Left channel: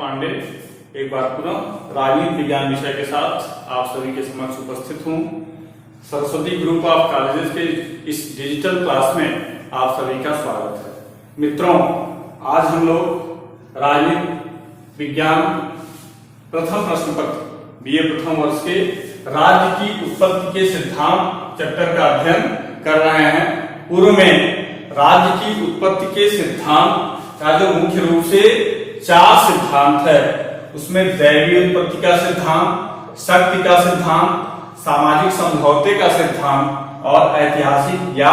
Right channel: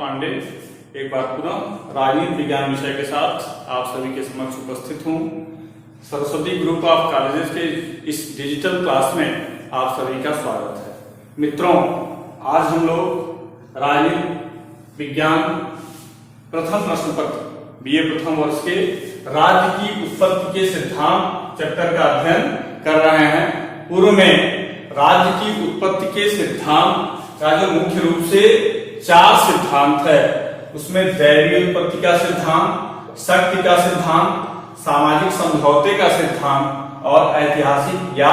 पांडे एक बार पुनः राजनीति विज्ञान विषय के साथ आप सभी के समक्ष उपस्थित हूँ। सरस्वती ग्रुप ऑफ कॉलेजेस के इस डिजिटल क्लास में आप सभी का स्वागत है। मित्रों, आज हम लोग राजनीति विज्ञान प्रथम प्रश्न पत्र बीए प्रथम वर्ष के राज्य की उत्पत्ति के सिद्धांत चैप्टर का अध्ययन कर रहे हैं। पूर्व में राज्य की उत्पत्ति के सिद्धांत का जो मुख्य रूप से 4 सिद्धांत है, उसमें दैवीय उत्पत्ति का सिद्धांत, शक्ति का सिद्धांत, सामाजिक समझौते का सिद्धांत और ऐतिहासिक या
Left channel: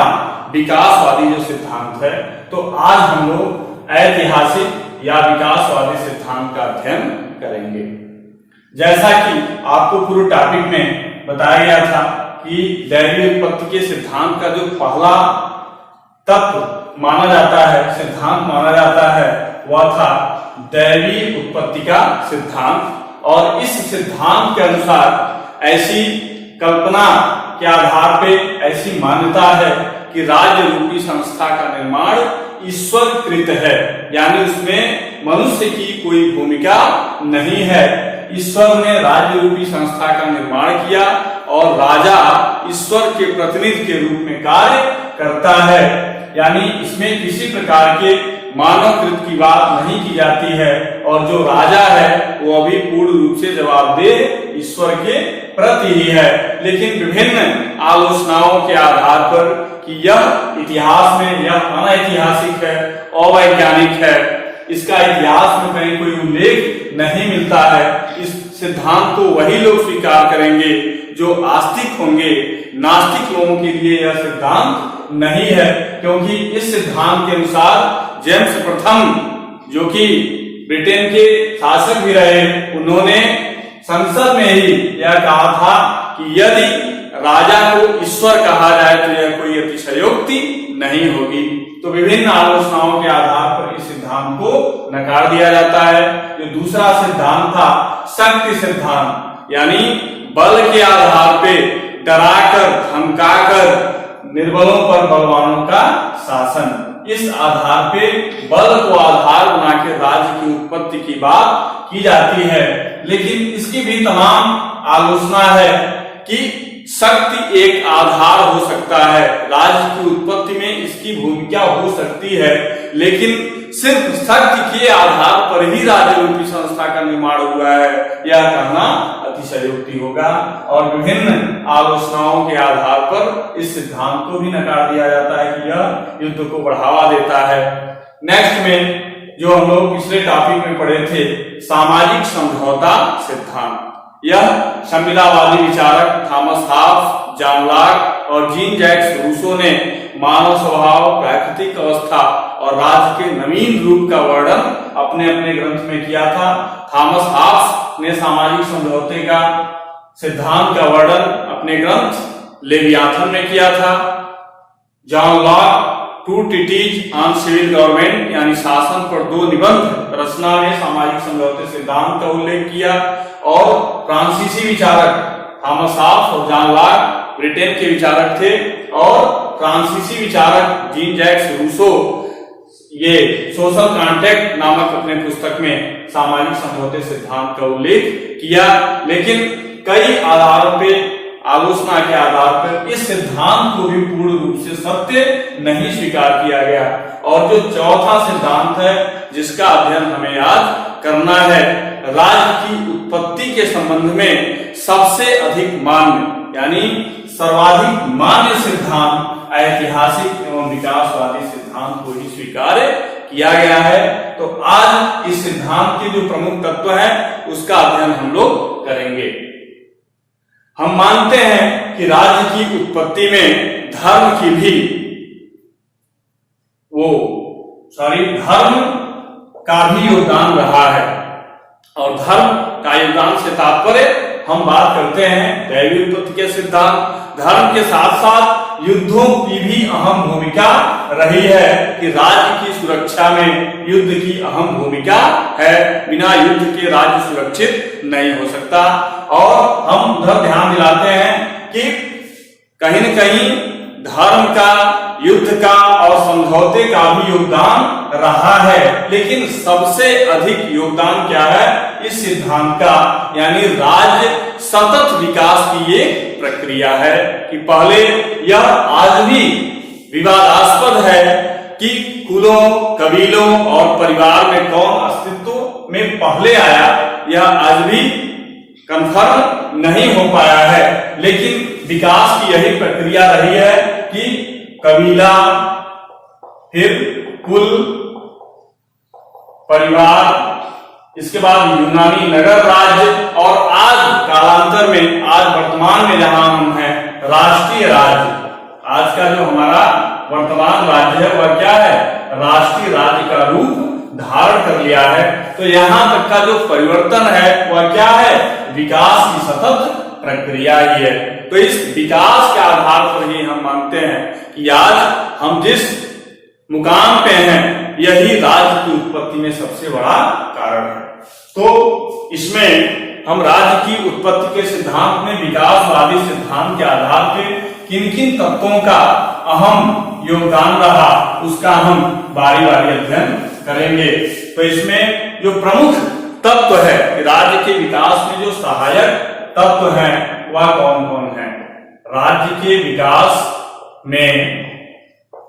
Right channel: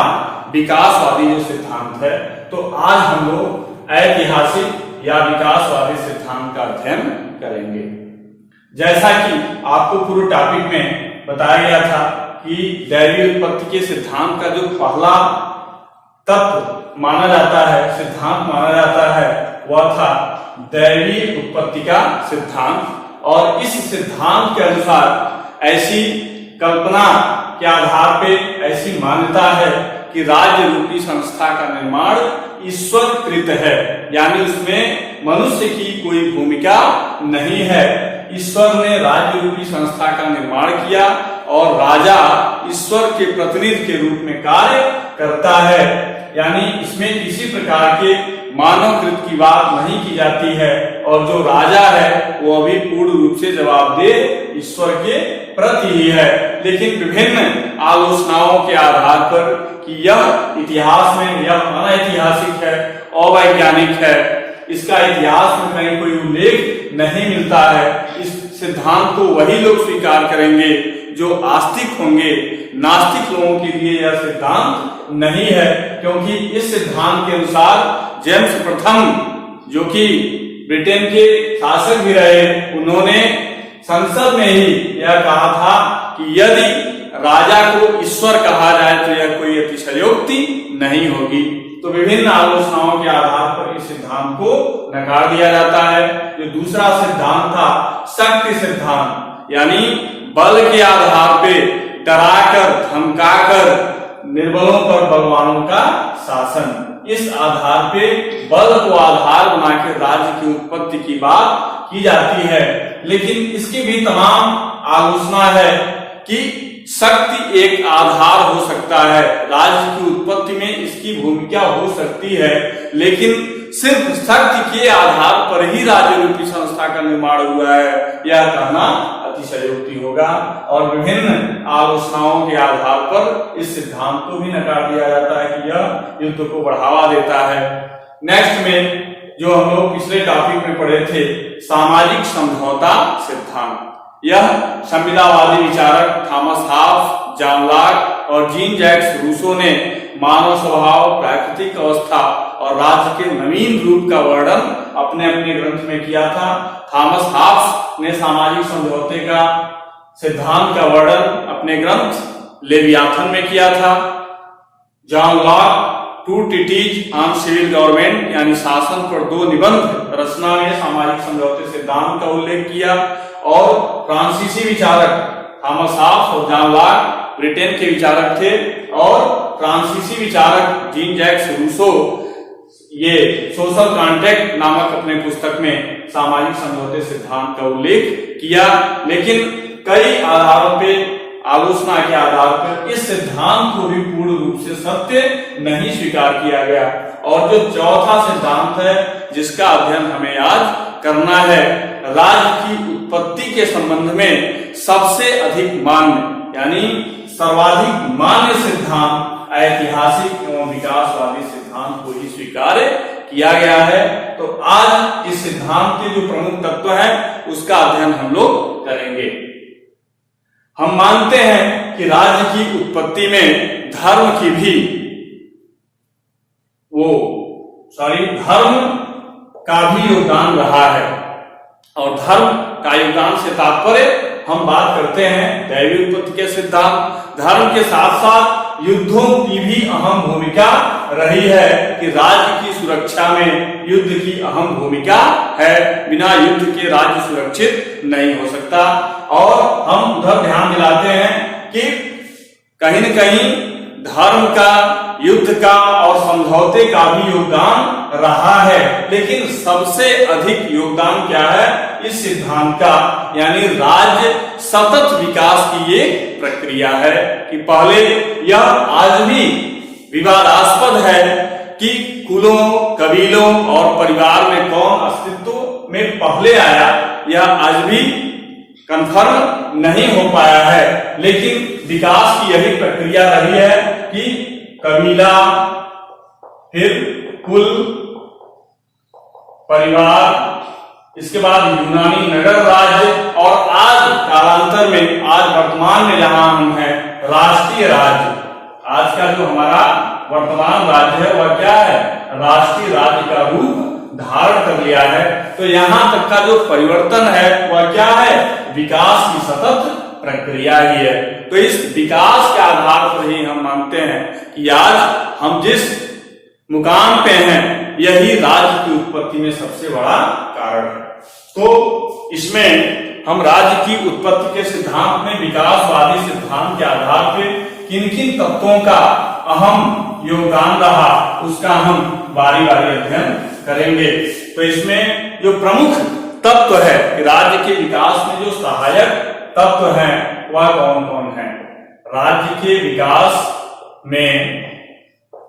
विकासवादी जो सिद्धांत है। तो आज हम लोग ऐतिहासिक या विकासवादी सिद्धांत का अध्ययन करेंगे। जैसा कि आपको पूर्व टॉपिक में बताया गया था कि दैवीय उत्पत्ति के सिद्धांत का जो पहला तत्व माना जाता है, सिद्धांत माना जाता है, वह था दैवीय उत्पत्ति का सिद्धांत। और इस सिद्धांत के अनुसार ऐसी कल्पना के आधार पे ऐसी मान्यता है कि राज्य रूपी संस्था का निर्माण ईश्वर कृत है, यानी उसमें मनुष्य की कोई भूमिका नहीं है। ईश्वर ने राज्य रूपी संस्था का निर्माण किया और राजा ईश्वर के प्रतिनिधि के रूप में कार्य करता है, यानी इसमें किसी प्रकार के मानव कृत की बात नहीं की जाती है। और जो राजा है वो अभी पूर्ण रूप से जवाबदेह ईश्वर के प्रति ही है। लेकिन विभिन्न आलोचनाओं के आधार पर कि यह इतिहास में यह अनैतिहासिक है, अवैज्ञानिक है, इसका इतिहास में कहीं कोई उल्लेख नहीं मिलता है, इस सिद्धांत को वही लोग स्वीकार करेंगे जो आस्तिक होंगे। नास्तिक लोगों के लिए यह सिद्धांत नहीं है, क्योंकि इस सिद्धांत के अनुसार जेम्स प्रथम, जो कि ब्रिटेन के शासक भी रहे, उन्होंने संसद में ही यह कहा था कि यदि राजा को ईश्वर कहा जाए तो यह कोई अतिशयोक्ति नहीं होगी। तो विभिन्न आलोचनाओं के आधार पर इस सिद्धांत को नकार दिया जाता है। ये दूसरा सिद्धांत था शक्ति सिद्धांत, यानी बल के आधार पे डराकर धमकाकर निर्बलों पर बलवानों का शासन, इस आधार पे बल को आधार बनाकर राज्य की उत्पत्ति की बात की जाती है। लेकिन इसकी भी तमाम आलोचना है कि शक्ति एक आधार हो सकता है, राज्य की उत्पत्ति में इसकी भूमिका हो सकती है, लेकिन सिर्फ शक्ति के आधार पर ही राज्य रूपी संस्था का निर्माण हुआ है, यह कहना अतिशयोक्ति होगा। और विभिन्न आलोचनाओं के आधार पर इस सिद्धांत को भी नकार दिया जाता है कि यह युद्ध को बढ़ावा देता है। नेक्स्ट में जो हम लोग पिछले टॉपिक में पढ़े थे, सामाजिक समझौता सिद्धांत, यह संविदावादी विचारक थॉमस हॉब्स, जॉन लॉक और जीन जैक्स रूसो ने मानव स्वभाव, प्राकृतिक अवस्था और राज्य के नवीन रूप का वर्णन अपने अपने ग्रंथ में किया था। थॉमस हॉब्स ने सामाजिक समझौते का सिद्धांत का वर्णन अपने ग्रंथ लेवियाथन में किया था। John Locke two treatises on civil government, यानी शासन पर 2 निबंध रचना में सामाजिक समझौते सिद्धांत का उल्लेख किया। और फ्रांसीसी विचारक थॉमस हॉब्स और जॉन लॉक ब्रिटेन के विचारक थे, और फ्रांसीसी विचारक जीन जैक्स रूसो ये सोशल कॉन्ट्रैक्ट नामक अपने पुस्तक में सामाजिक समझौते सिद्धांत का उल्लेख किया। लेकिन कई आधारों पे, आलोचना के आधार पर इस सिद्धांत को भी पूर्ण रूप से सत्य नहीं स्वीकार किया गया। और जो चौथा सिद्धांत है जिसका अध्ययन हमें आज करना है, राज्य की उत्पत्ति के संबंध में सबसे अधिक मान्य, यानी सर्वाधिक मान्य सिद्धांत ऐतिहासिक एवं विकासवादी सिद्धांत को ही स्वीकार किया गया है। तो आज इस सिद्धांत के जो प्रमुख तत्व हैं उसका अध्ययन हम लोग करेंगे। हम मानते हैं कि राज्य की उत्पत्ति में धर्म का भी योगदान रहा है। और धर्म का योगदान से तात्पर्य हम बात करते हैं दैवीय उत्पत्ति के सिद्धांत। धर्म के साथ साथ युद्धों की भी अहम भूमिका रही है कि राज्य की सुरक्षा में युद्ध की अहम भूमिका है। बिना युद्ध के राज्य सुरक्षित नहीं हो सकता। और हम उधर ध्यान दिलाते हैं कि कहीं न कहीं धर्म का, युद्ध का और समझौते का भी योगदान रहा है, लेकिन सबसे अधिक योगदान क्या है इस सिद्धांत का, यानी राज्य सतत विकास की एक प्रक्रिया है। कि पहले यह आज भी विवादास्पद है कि कुलों, कबीलों और परिवार में कौन अस्तित्व में पहले आया, यह आज भी कंफर्म नहीं हो पाया है, लेकिन विकास की यही प्रक्रिया रही है कि कबीला, फिर कुल, परिवार, इसके बाद यूनानी नगर राज्य और आज कालांतर में, आज वर्तमान में जहां हम हैं, राष्ट्रीय राज्य। आज का जो हमारा वर्तमान राज्य है वह क्या है, राष्ट्रीय राज्य का रूप धारण कर लिया है। तो यहां तक का जो परिवर्तन है वह क्या है, विकास की सतत प्रक्रिया ही है। तो इस विकास के आधार पर ही हम मानते हैं कि आज हम जिस मुकाम पे हैं यही राज्य की उत्पत्ति में सबसे बड़ा कारण है। तो इसमें हम राज्य की उत्पत्ति के सिद्धांत में विकासवादी सिद्धांत के आधार पर किन किन तत्वों का अहम योगदान रहा उसका हम बारी बारी अध्ययन करेंगे। तो इसमें जो प्रमुख तत्व है राज्य के विकास में, जो सहायक तत्व हैं वह कौन कौन है। राज्य के विकास में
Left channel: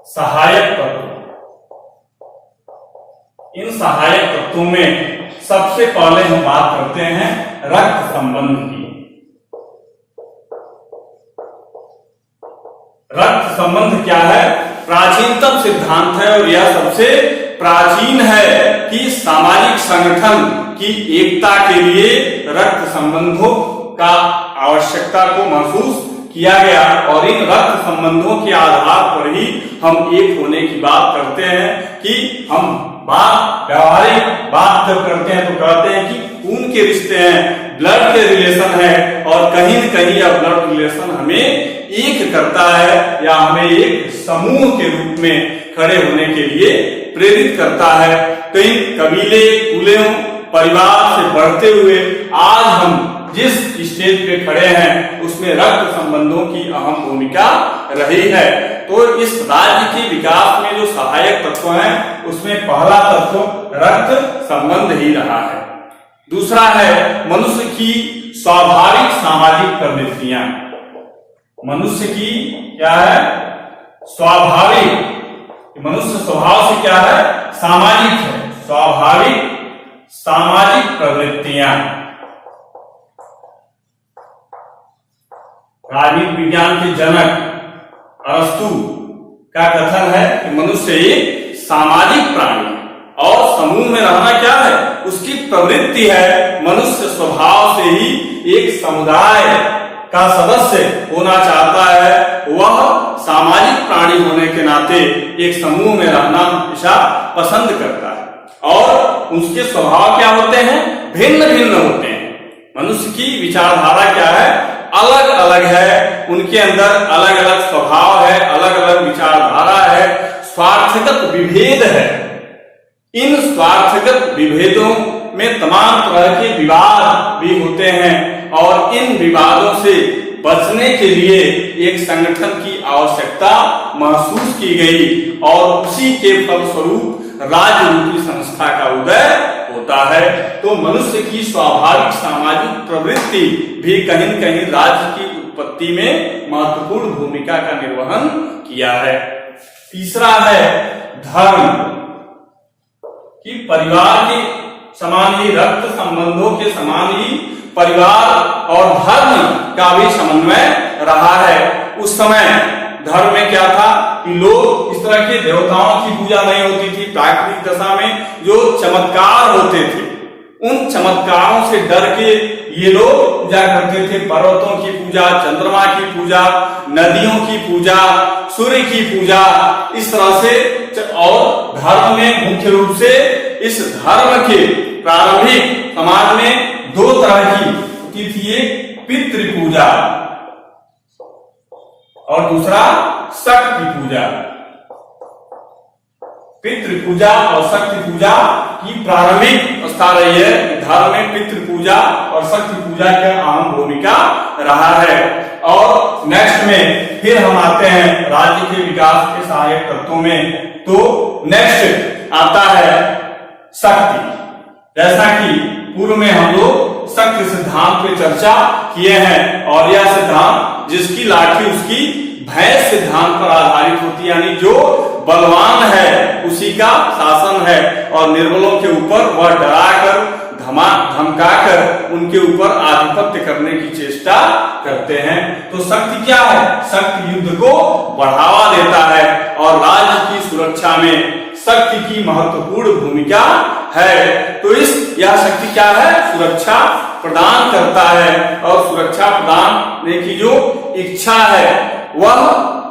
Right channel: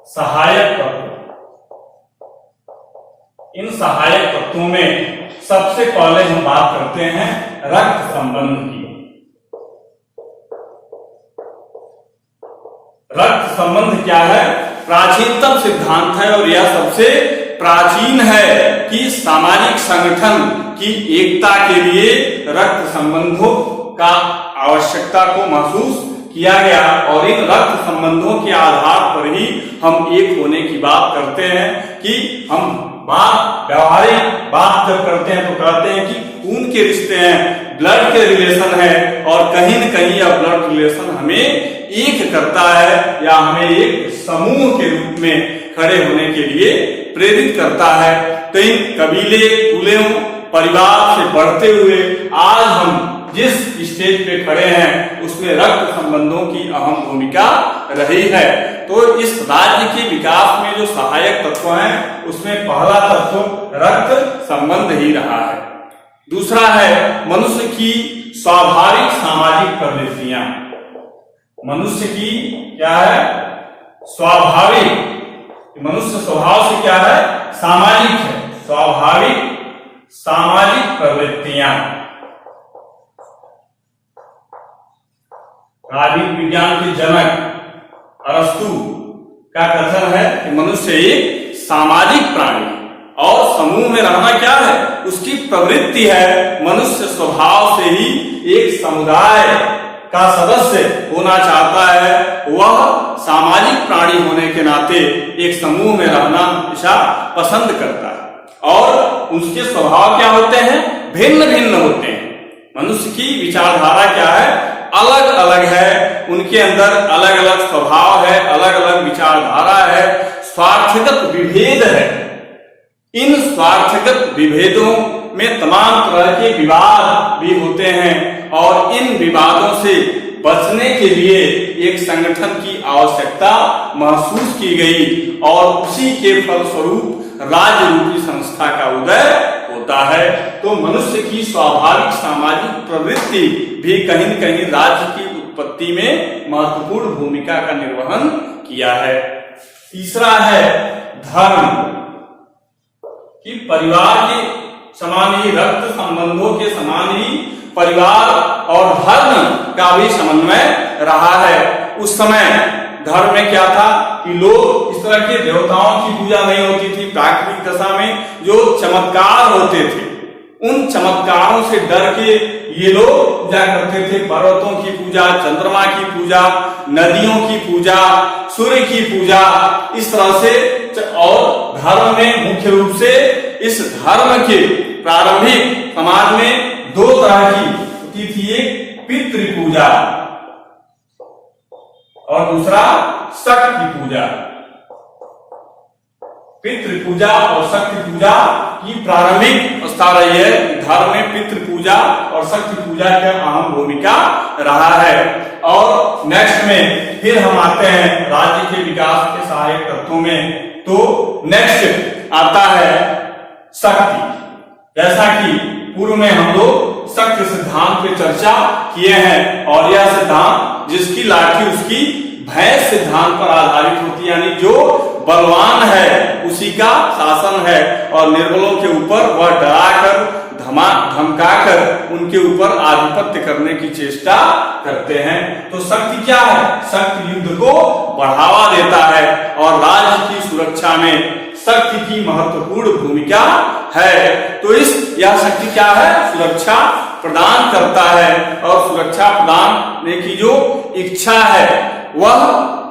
सहायक तत्व, इन सहायक तत्वों में सबसे पहले हम बात करते हैं रक्त संबंध की। रक्त संबंध क्या है, प्राचीनतम सिद्धांत है और यह सबसे प्राचीन है कि सामाजिक संगठन की एकता के लिए रक्त संबंधों का आवश्यकता को महसूस किया गया और इन रक्त संबंधों के आधार पर ही हम एक होने की बात करते हैं कि हम व्यावहारिक बात जब करते हैं तो कहते हैं कि खून के रिश्ते हैं, ब्लड के रिलेशन है और कहीं न कहीं यह ब्लड रिलेशन हमें एक करता है या हमें एक समूह के रूप में खड़े होने के लिए प्रेरित करता है। तो इन कबीले, कुलों, परिवार से बढ़ते हुए आज हम जिस स्टेज पे खड़े हैं उसमें रक्त संबंधों की अहम भूमिका रही है। तो इस राज्य के विकास में जो सहायक तत्व हैं उसमें पहला तत्व रक्त संबंध ही रहा है। दूसरा है मनुष्य की स्वाभाविक सामाजिक प्रवृत्तियां। मनुष्य की क्या है, स्वाभाविक, मनुष्य स्वभाव से क्या है, सामाजिक है, स्वाभाविक सामाजिक प्रवृत्तियां। राजनीति विज्ञान के जनक अरस्तु का कथन है कि मनुष्य एक सामाजिक प्राणी और समूह में रहना क्या है उसकी प्रवृत्ति है। मनुष्य स्वभाव से ही एक समुदाय का सदस्य होना चाहता है, वह सामाजिक प्राणी होने के नाते एक समूह में रहना हमेशा पसंद करता है और उसके स्वभाव क्या होते हैं, भिन्न भिन्न होते हैं। मनुष्य की विचारधारा क्या है, अलग अलग है, उनके अंदर अलग अलग स्वभाव है, अलग अलग विचारधारा है, स्वार्थगत विभेद है। इन स्वार्थगत विभेदों में तमाम तरह के विवाद भी होते हैं और इन विवादों से बचने के लिए एक संगठन की आवश्यकता महसूस की गई और उसी के फलस्वरूप राज्य रूपी संस्था का उदय होता है। तो मनुष्य की स्वाभाविक सामाजिक प्रवृत्ति भी कहीं न कहीं राज्य की उत्पत्ति में महत्वपूर्ण भूमिका का निर्वहन किया है। तीसरा है धर्म, कि परिवार के समान ही, रक्त संबंधों के समान ही परिवार और धर्म का भी समन्वय रहा है। उस समय धर्म में क्या था कि लोग इस तरह के देवताओं की पूजा नहीं होती थी। प्राकृतिक दशा में जो चमत्कार होते थे उन चमत्कारों से डर के ये लोग पूजा करते थे। पर्वतों की पूजा, चंद्रमा की पूजा, नदियों की पूजा, सूर्य की पूजा, इस तरह से। और धर्म में मुख्य रूप से इस धर्म के प्रारंभिक समाज में दो तरह की होती थी, एक पितृ पूजा और दूसरा शक्ति पूजा। पितृ पूजा और शक्ति पूजा की प्रारंभिक अवस्था रही है। धर्म में पितृ पूजा और शक्ति पूजा की अहम भूमिका रहा है। और नेक्स्ट में फिर हम आते हैं राज्य के विकास के सहायक तत्वों में। तो नेक्स्ट आता है शक्ति। जैसा कि पूर्व में हम लोग शक्ति सिद्धांत पे चर्चा किए हैं, और यह सिद्धांत जिसकी लाठी उसकी भैंस सिद्धांत पर आधारित होती है, यानी जो बलवान है उसी का शासन है, और निर्बलों के ऊपर वह डराकर धमकाकर उनके ऊपर आधिपत्य करने की चेष्टा करते हैं। तो शक्ति क्या है? शक्ति युद्ध को बढ़ावा देता है, और राज्य की सुरक्षा में शक्ति की महत्वपूर्ण भूमिका है। तो यह शक्ति क्या है? सुरक्षा प्रदान करता है, और सुरक्षा प्रदान की जो इच्छा है वह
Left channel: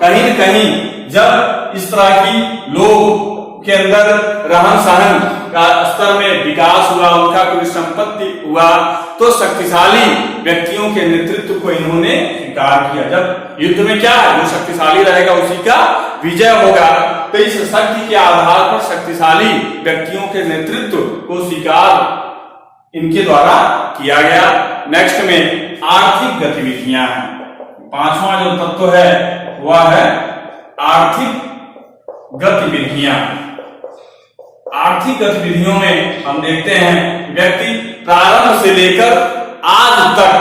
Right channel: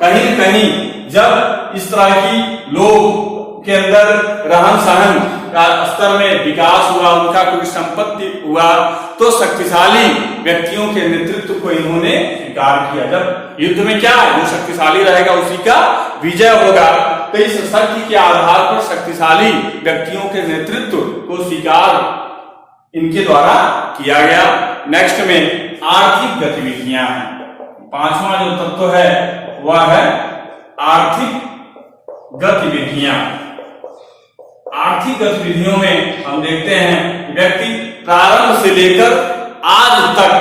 कहीं न कहीं जब इस तरह की लोग के अंदर रहन सहन का स्तर में विकास हुआ, उनका कोई संपत्ति हुआ, तो शक्तिशाली व्यक्तियों के नेतृत्व को इन्होंने स्वीकार किया। जब युद्ध में क्या है, जो शक्तिशाली रहेगा उसी का विजय होगा। तो इस शक्ति के आधार पर शक्तिशाली व्यक्तियों के नेतृत्व को स्वीकार इनके द्वारा किया गया। नेक्स्ट में आर्थिक गतिविधियां हैं। पांचवा जो तत्व है वह है आर्थिक गतिविधियां। आर्थिक गतिविधियों में हम देखते हैं व्यक्ति प्रारंभ से लेकर आज तक,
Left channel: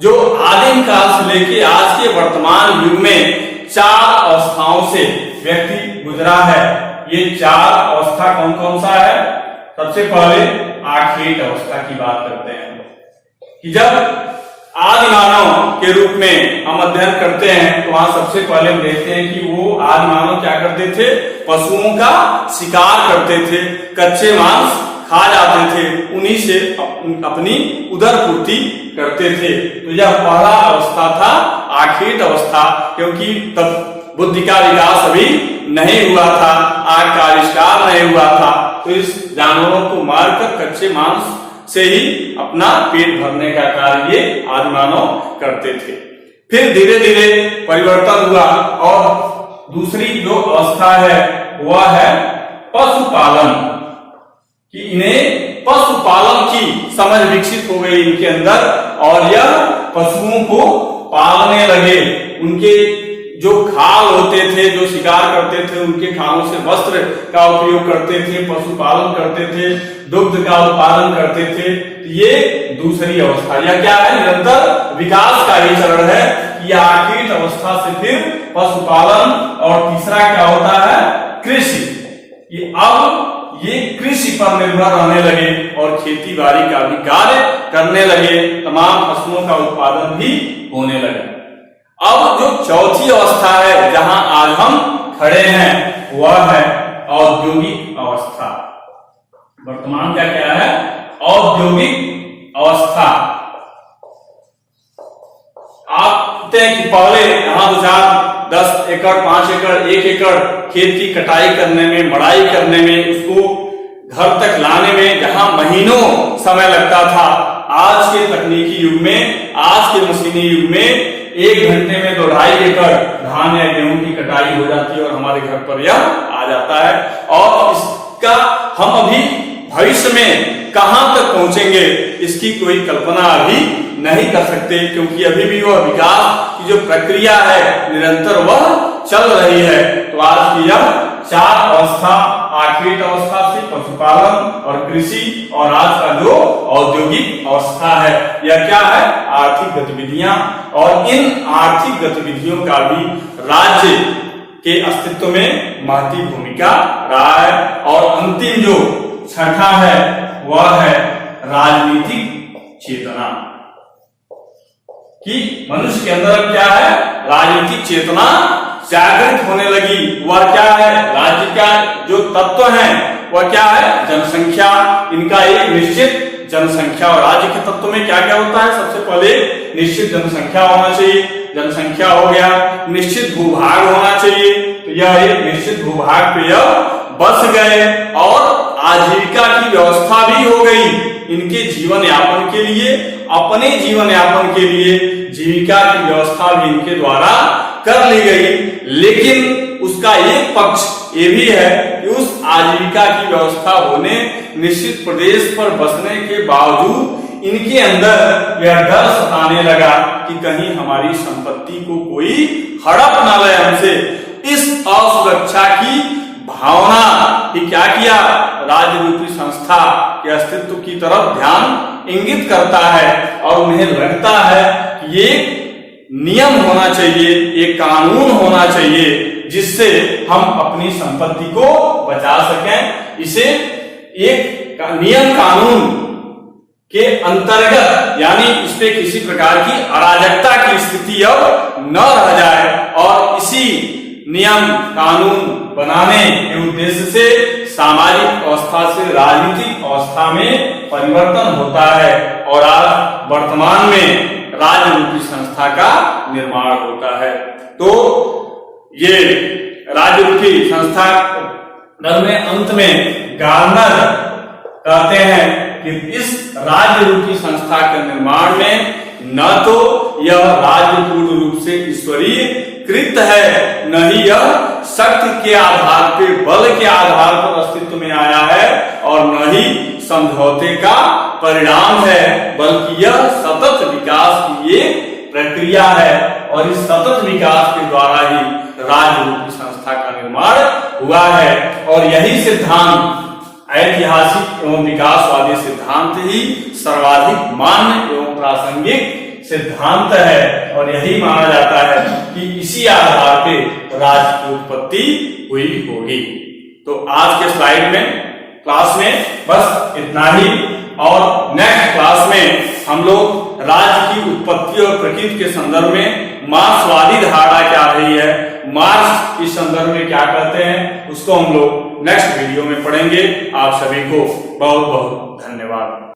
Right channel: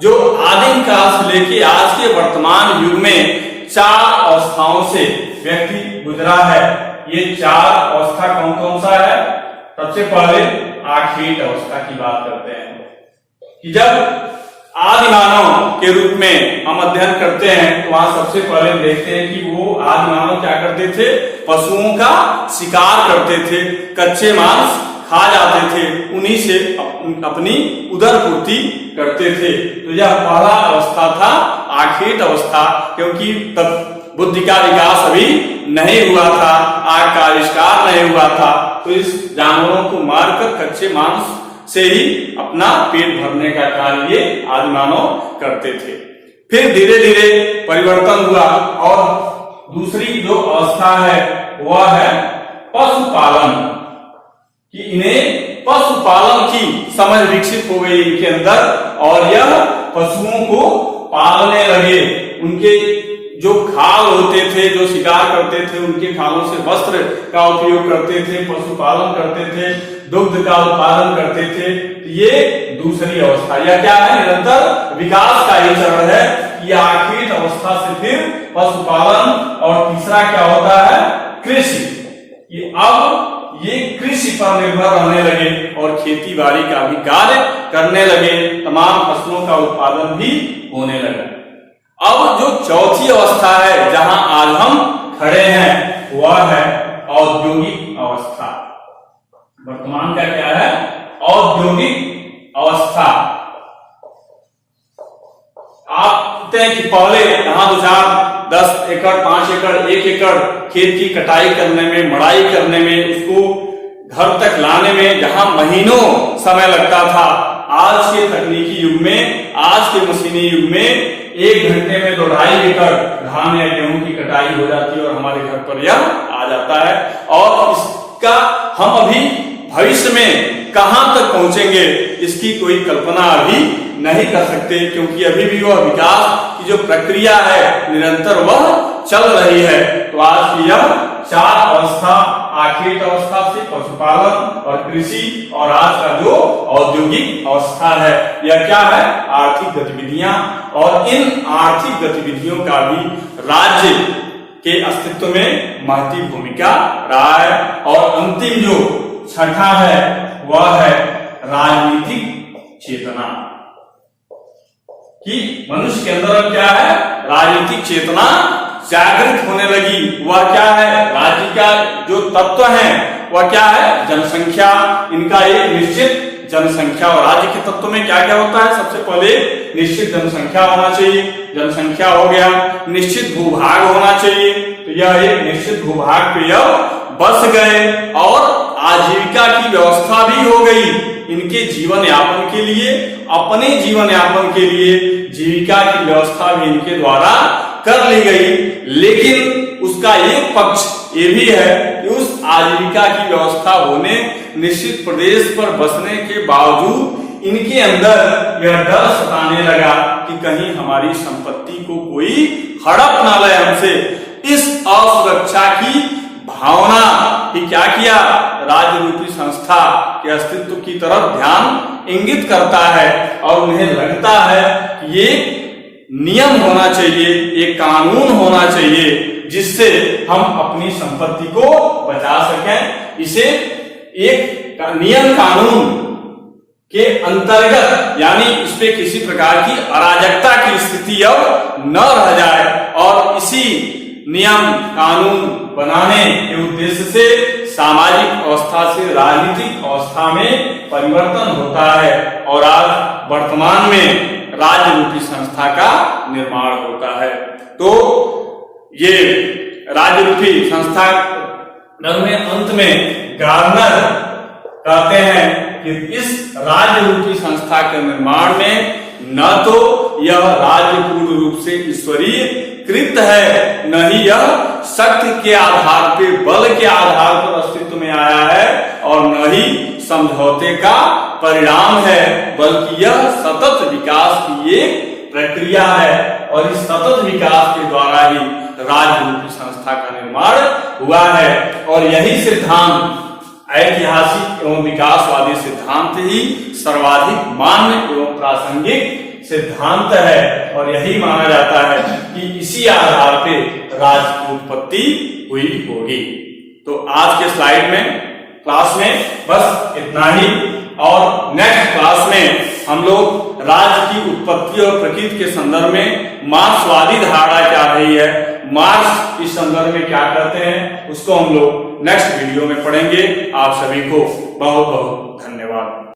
जो आदिम काल से लेकर आज के वर्तमान युग में 4 अवस्थाओं से व्यक्ति गुजरा है। ये 4 अवस्था कौन कौन सा है? सबसे पहले आखेट अवस्था की बात करते हैं कि जब आदि मानव के रूप में हम अध्ययन करते हैं, तो वहां सबसे पहले देखते हैं कि वो आदि मानव क्या करते थे? पशुओं का शिकार करते थे, कच्चे मांस खा जाते थे, उन्हीं से अपनी उदर पूर्ति करते थे। तो यह पहला अवस्था था, आखेट अवस्था, क्योंकि तब बुद्धि का विकास अभी नहीं हुआ था, आग का आविष्कार नहीं हुआ था। तो इस जानवरों को मारकर कच्चे मांस से ही अपना पेट भरने का कार्य ये आदि मानव करते थे। फिर धीरे धीरे परिवर्तन हुआ, और दूसरी जो अवस्था है वह है पशुपालन, कि इन्हें पशुपालन की समझ विकसित हो गई इनके अंदर, और यह पशुओं को पालने लगे। उनके जो खाल होते थे, जो शिकार करते थे, उनके खालों से वस्त्र का उपयोग करते थे, पशुपालन करते थे, दुग्ध का उत्पादन करते थे। ये दूसरी अवस्था। यह क्या है? निरंतर विकास का ही चरण है। ये आखेट अवस्था से फिर पशुपालन, और तीसरा क्या होता है? कृषि। ये अब ये कृषि पर निर्भर रहने लगे और खेती बाड़ी का भी कार्य करने लगे, तमाम फसलों का उत्पादन भी होने लगा। अब जो चौथी अवस्था है जहां आज हम खड़े हैं वह है औद्योगिक अवस्था। वर्तमान का क्या है? औद्योगिक अवस्था। आप देखते हैं कि पहले यहाँ 10 एकड़, 5 एकड़, 1 एकड़ खेत की कटाई करने में, मड़ाई करने में, उसको घर तक लाने में जहां महीनों समय लगता था, आज के तकनीकी युग में, आज के मशीनी युग में 1 घंटे में 2-2.5 एकड़ धान या गेहूं की कटाई हो जाती है, और हमारे घर पर यह आ जाता है। और इसका हम अभी भविष्य में कहां तक पहुंचेंगे इसकी कोई कल्पना अभी नहीं कर सकते, क्योंकि अभी भी वह विकास की जो प्रक्रिया है निरंतर वह चल रही है। तो आज की यह 4 अवस्था, आखेट अवस्था से पशुपालन और कृषि, और आज का जो औद्योगिक अवस्था है, यह क्या है? आर्थिक गतिविधियां। और इन आर्थिक गतिविधियों का भी राज्य के अस्तित्व में महत्वपूर्ण भूमिका रहा है। और अंतिम जो छठा है वह है राजनीतिक चेतना, कि मनुष्य के अंदर क्या है? राजनीतिक चेतना जागृत होने लगी। वह क्या है? राज्य का जो तत्व है वह क्या है? जनसंख्या। इनका एक निश्चित जनसंख्या, और राज्य के तत्व में क्या क्या होता है? सबसे पहले निश्चित जनसंख्या होना चाहिए, जनसंख्या हो गया, निश्चित भूभाग होना चाहिए। तो यह एक निश्चित भूभाग पे यह बस गए, और आजीविका की व्यवस्था भी हो गई इनके जीवन यापन के लिए, अपने जीवन यापन के लिए जीविका की व्यवस्था भी इनके द्वारा कर ली गई। लेकिन उसका एक पक्ष ये भी है कि उस आजीविका की व्यवस्था होने, निश्चित प्रदेश पर बसने के बावजूद इनके अंदर यह डर सताने लगा कि कहीं हमारी संपत्ति को कोई हड़प न ले हमसे। इस असुरक्षा की भावना कि क्या किया, राज्य रूपी संस्था के अस्तित्व की तरफ ध्यान इंगित करता है और उन्हें लगता है कि ये नियम होना चाहिए, ये कानून होना चाहिए जिससे हम अपनी संपत्ति को बचा सकें। इसे एक नियम कानून के अंतर्गत यानी इसमें किसी प्रकार की अराजकता की स्थिति अब न रह जाए और इसी नियम कानून बनाने के उद्देश्य से सामाजिक अवस्था से राजनीतिक अवस्था में परिवर्तन होता है और आज वर्तमान में राज्य रूपी संस्था का निर्माण होता है। तो ये राज्य रूपी संस्था में अंत में गार्नर कहते हैं कि इस राज्य रूपी संस्था के निर्माण में न तो यह राज्य पूर्ण रूप से ईश्वरीय कृत है, न ही यह शक्ति के आधार पे, बल के आधार पर अस्तित्व में आया है और न ही समझौते का परिणाम है, बल्कि यह सतत विकास की एक प्रक्रिया है और इस सतत विकास के द्वारा ही राज्य रूपी संस्था का निर्माण हुआ है। और यही सिद्धांत ऐतिहासिक एवं विकासवादी सिद्धांत ही सर्वाधिक मान्य एवं प्रासंगिक सिद्धांत है और यही माना जाता है कि इसी आधार पे राज्य की उत्पत्ति हुई होगी। तो आज के स्लाइड में क्लास में बस इतना ही और नेक्स्ट क्लास में हम लोग राज्य की उत्पत्ति और प्रकृति के संदर्भ में मार्क्सवादी धारणा क्या रही है, मार्क्स इस संदर्भ में क्या कहते हैं, उसको हम लोग नेक्स्ट वीडियो में पढ़ेंगे। आप सभी को बहुत बहुत धन्यवाद।